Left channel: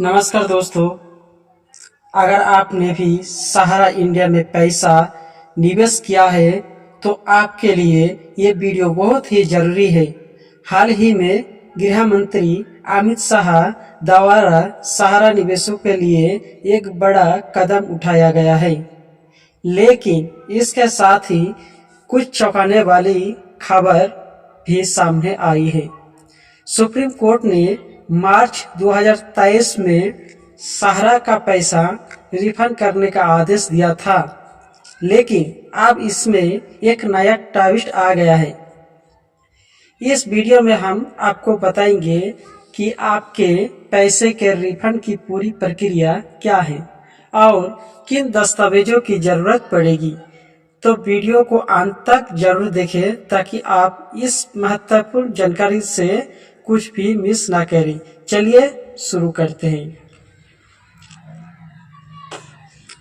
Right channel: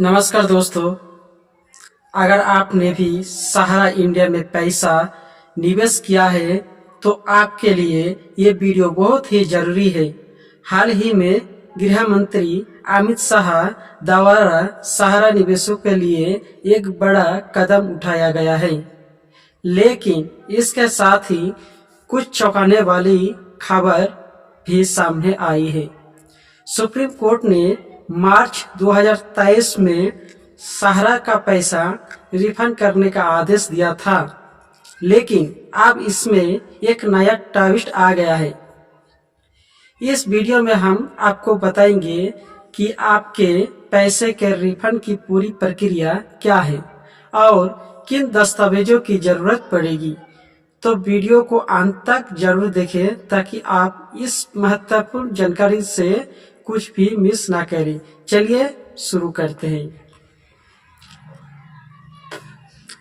नमस्कार दोस्तों। अगर आपने भी सहारा इंडिया में पैसा निवेश किया है तो आपके लिए ये वीडियो बहुत ही जरूरी है। हाल ही में गृह मंत्री अमित शाह द्वारा सहारा निवेशों के लिए एक बड़ा कदम उठाया गया है, लेकिन इसके साथ ही कुछ चौंकाने वाली खबर भी सामने आई है। सुप्रीम कोर्ट ने मार्च 2023 में सहारा का पैसा रिफंड करने का आदेश दिया था, लेकिन अब इसमें एक नया ट्विस्ट आ गया है। इस वीडियो में हम आपको बताएंगे कि आपके पैसे के रिफंड की पूरी प्रक्रिया क्या है और किन दस्तावेजों की जरूरत पड़ेगी। तो वीडियो को अंत तक जरूर देखें ताकि आप इस महत्वपूर्ण जानकारी से कुछ भी मिस ना करें। चलिए शुरू करते हैं।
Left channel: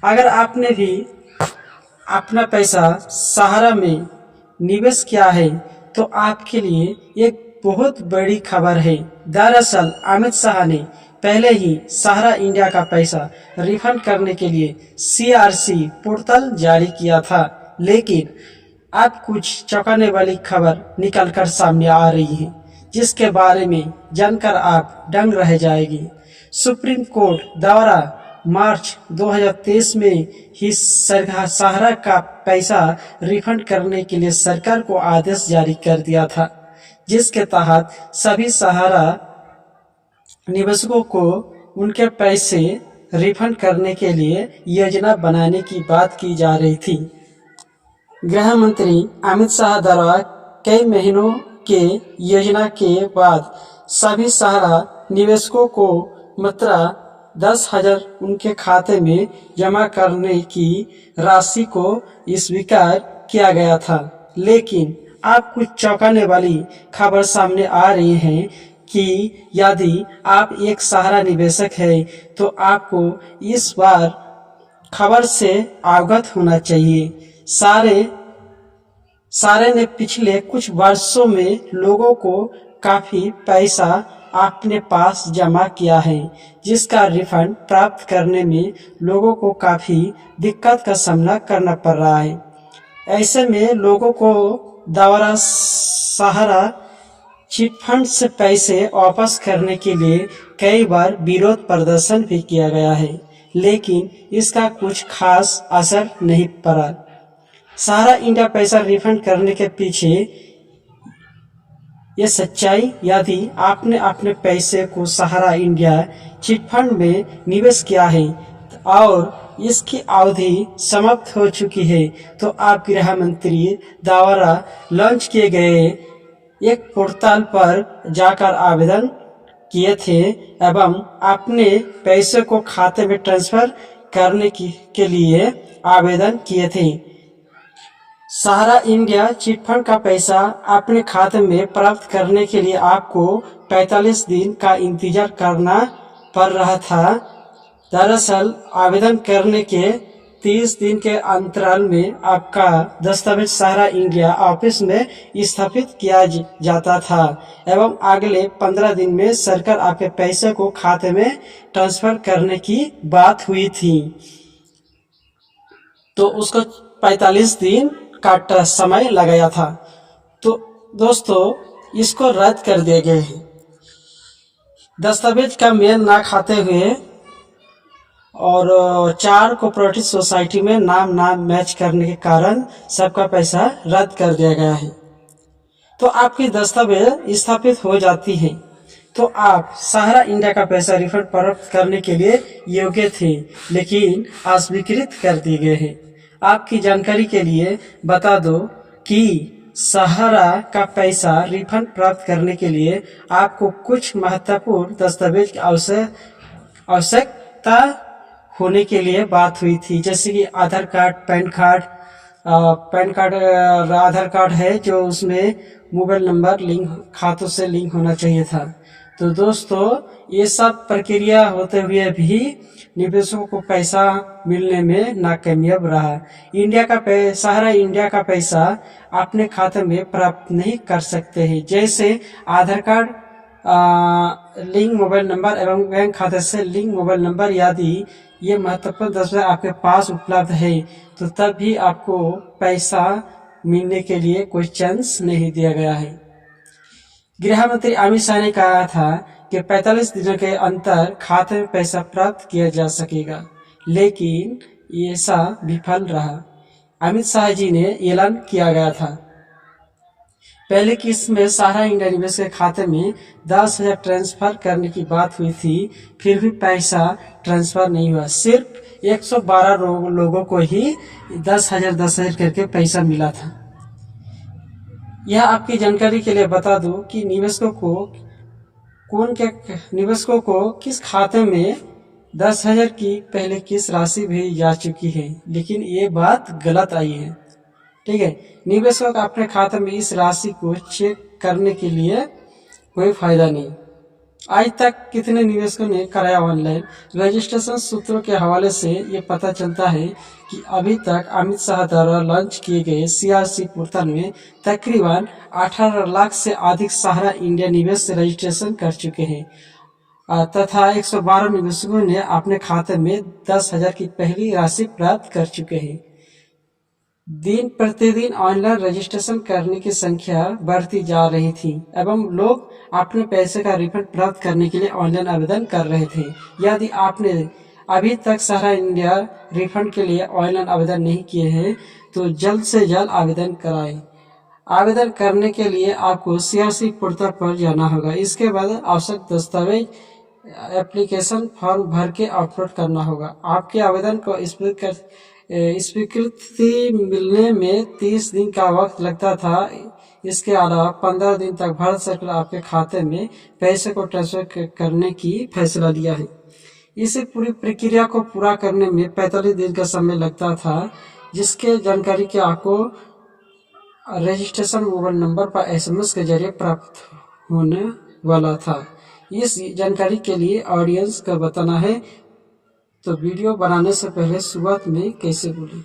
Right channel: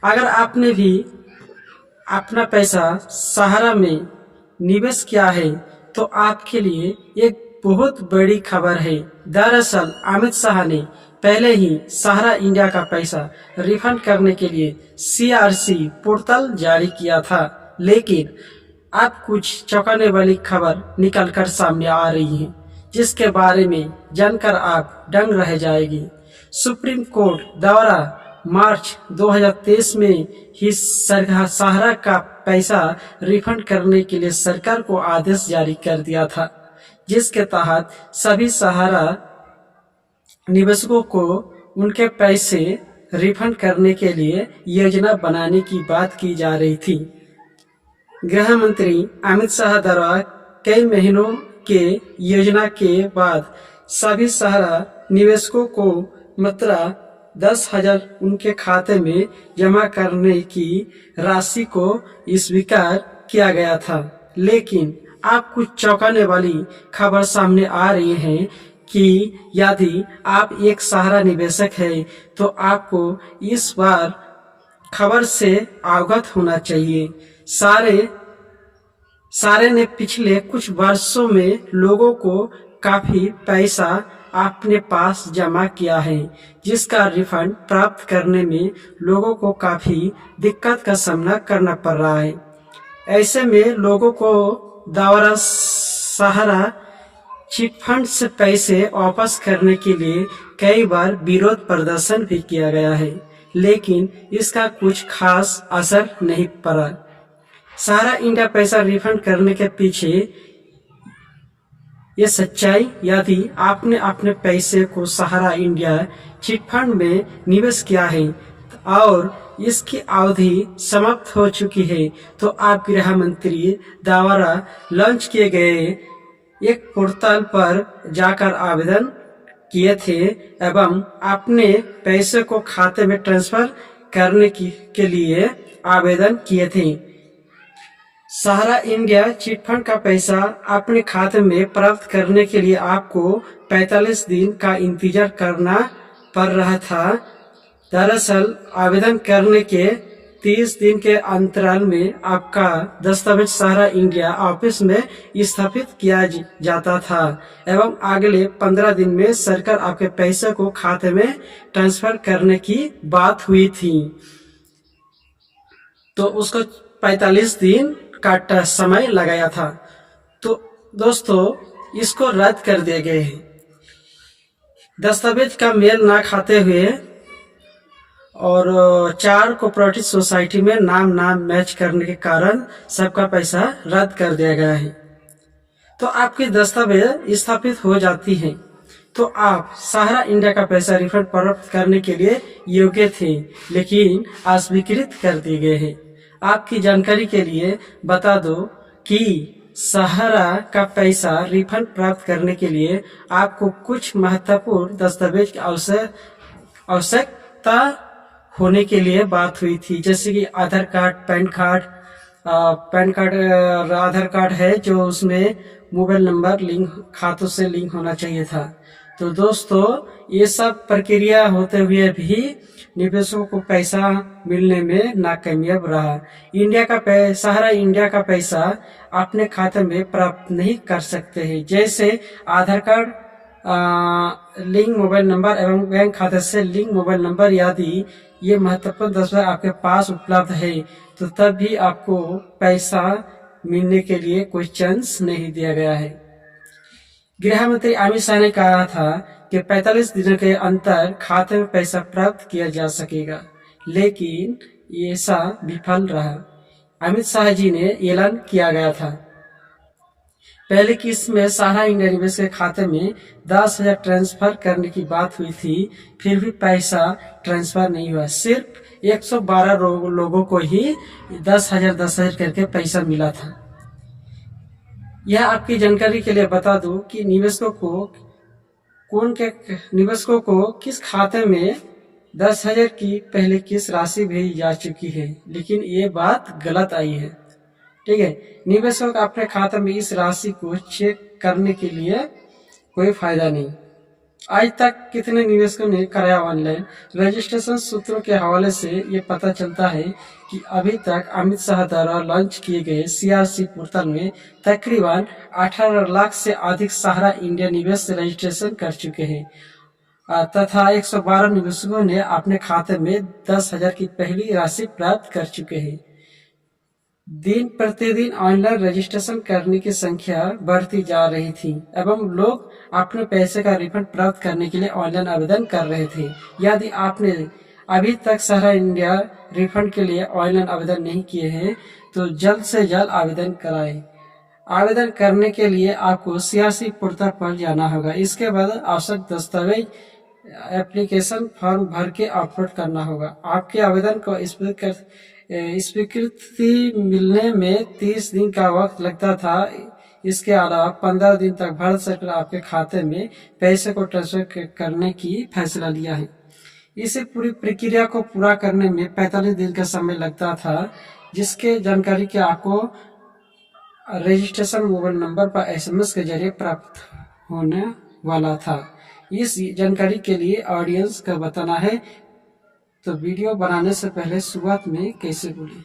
अगर आपने भी अपना पैसा सहारा में निवेश किया है तो आपके लिए एक बहुत बड़ी खबर है। दरअसल अमित शाह ने पहले ही सहारा इंडिया का पैसा रिफंड करने के लिए CRC पोर्टल जारी किया था, लेकिन अब कुछ चौंकाने वाली खबर निकलकर सामने आ रही है, जिसके बारे में जानकर आप दंग रह जाएगी। सुप्रीम कोर्ट द्वारा मार्च 2023 में ही सहारा का पैसा रिफंड करने के लिए सरकार को आदेश जारी कर दिया था, जिसके तहत सभी सहारा निवेशकों को उनके पैसे रिफंड करने के लिए योजना बनाने की बात की जा रही थी। गृह मंत्री अमित शाह द्वारा कई महीनों के योजना के बाद सभी सहारा निवेशकों को मात्र 10,000 उनके खाते में जमा करने की राशि को स्वीकार किया गया था, लेकिन अब कुछ चौंकाने वाली खबर सामने आ रही है कि यदि आप एक सहारा निवेशक हैं तो आपको इस बार खबर से अवगत होना चाहिए। सारे ने पिछले कुछ वर्षों में लोगों को काफी पैसा अपने पास जमा किया है, जिसका रिफंड प्राप्त करने में लोगों को काफी दिक्कत का सामना करना पड़ रहा है। ऐसे में लोगों को द्वारा सहारा चिटफंड से पैसे वापस करने के लिए कई बार विरोध प्रदर्शन भी किया गया है, लेकिन इसका कुछ खास असर नहीं पड़ा। सहारा इंडिया पैसा रिफंड करने के पीछे ये सच्चाई, यदि आपने अपने पैसे को सहारा इंडिया चिटफंड में निवेश किया है और इसकी अवधि समाप्त हो चुकी है, तो आप गृह मंत्री द्वारा लॉन्च किए गए एक पोर्टल पर जाकर आवेदन किए थे एवं अपने पैसे को खाते में ट्रांसफर करने के लिए आवेदन किए थे। सहारा इंडिया चिटफंड का पैसा अपने खाते में प्राप्त करने के लिए आपको 45 दिन का इंतजार करना पड़ रहा था। दरअसल आवेदन करने के 30 दिन के अंतराल में आपका दस्तावेज सहारा इंडिया ऑफिस में स्थापित किया जाता था एवं अगले 15 दिन में सरकार आपके पैसे को खाते में ट्रांसफर करने की बात हुई थी, तो उसको 45 दिन का समय लगाया था। तो दोस्तों, इसको रद्द कर दिए गए हैं। दस्तावेज का मेल ना खाते हुए और 4 कोऑपरेटिव सोसाइटी में नाम ना मैच करने के कारण सबका पैसा रद्द कर दिया गया है। तो आपकी दस्तावेज स्थापित हो जाती है तो आप सहारा इंडिया का पैसा रिफंड प्राप्त करने के लिए योग्य थे, लेकिन अस्वीकृत कर दिए गए हैं। आपकी जानकारी के लिए बता दो कि सहारा का पैसा रिफंड प्राप्त करने के लिए आपको कुछ महत्वपूर्ण दस्तावेज की आवश्यकता होने के लिए बात हुई थी, जैसे कि आधार कार्ड, पैन कार्ड आधार कार्ड है जो उसमें मोबाइल नंबर खातों से लिंक होना चाहिए था। तो दोस्तों, ये सब प्रक्रिया होते हुए भी निवेशकों को पैसा मिलने में नाकामयाब रहा। सहारा इंडिया का पैसा अपने खाते में प्राप्त नहीं कर सकते हैं, जैसे आधार कार्ड लिंक मोबाइल नंबर एवं बैंक खाते से लिंक मोबाइल नंबर यदि ये महत्वपूर्ण दस्तावेज आपके पास उपलब्ध है तो तब भी आपको पैसा मिलने के लिए कोई चांस नहीं दिया गया है। गृह मंत्री अमित शाह ने कहा था कि 45 दिनों के अंतर खाते में पैसा प्राप्त किया जा सकेगा, लेकिन ऐसा विफल रहा। अमित शाह जी ने ऐलान किया गया था। पहले किस्त में सहारा इंडिया निवेश के खाते में 10,000 ट्रांसफर करने की बात हुई थी, फिर भी पैसा ट्रांसफर नहीं हुआ। सिर्फ 112 लोगों को ही 10,000 करके पैसा मिला था। यह आपकी जानकारी के लिए बता दूं कि निवेशकों को किस खाते में 10,000 की पहले किस्त राशि भेजी जा चुकी है, लेकिन ये बात गलत आई है। ठीक है, निवेशक अपने खाते में इस राशि को चेक करने के लिए कोई फायदा नहीं। आज तक कितने निवेशकों ने कराया ऑनलाइन? रजिस्ट्रेशन सूत्रों के हवाले से ये पता चलता है कि अभी तक अमित शाह द्वारा लॉन्च किए गए CRC पोर्टल में तकरीबन 18 लाख से अधिक सहारा इंडिया निवेश रजिस्ट्रेशन कर चुके हैं तथा 112 निवेशकों ने अपने खाते में 10,000 की पहली राशि प्राप्त कर चुके हैं। दिन प्रतिदिन ऑनलाइन रजिस्ट्रेशन करने की संख्या बढ़ती जा रही थी एवं लोग अपने पैसे का रिफंड प्राप्त करने के लिए ऑनलाइन आवेदन कर रहे थे। यदि आपने अभी तक सहारा इंडिया रिफंड के लिए ऑनलाइन आवेदन नहीं किए हैं तो जल्द से जल्द आवेदन कराएं। आवेदन करने के लिए आपको CRC पोर्टल पर जाना होगा। इसके बाद आवश्यक दस्तावेज एप्लीकेशन फॉर्म भर के अपलोड करना होगा। आपके आवेदन को स्वीकृति मिलने में 30 दिन का वक्त लगता था। इसके अलावा 15 दिन तक भारत सरकार आपके खाते में पैसे को ट्रांसफर करने की फैसला लिया है। इसी पूरी प्रक्रिया को पूरा करने में 45 दिन का समय लगता था, जिसके जानकारी के आपको रजिस्ट्रेशन मोबाइल नंबर पर SMS के जरिए प्राप्त होने वाला था। इस जानकारी के लिए ऑडियंस का बताना है तो वीडियो बनाने से पहले शुरुआत में कैसे बोले।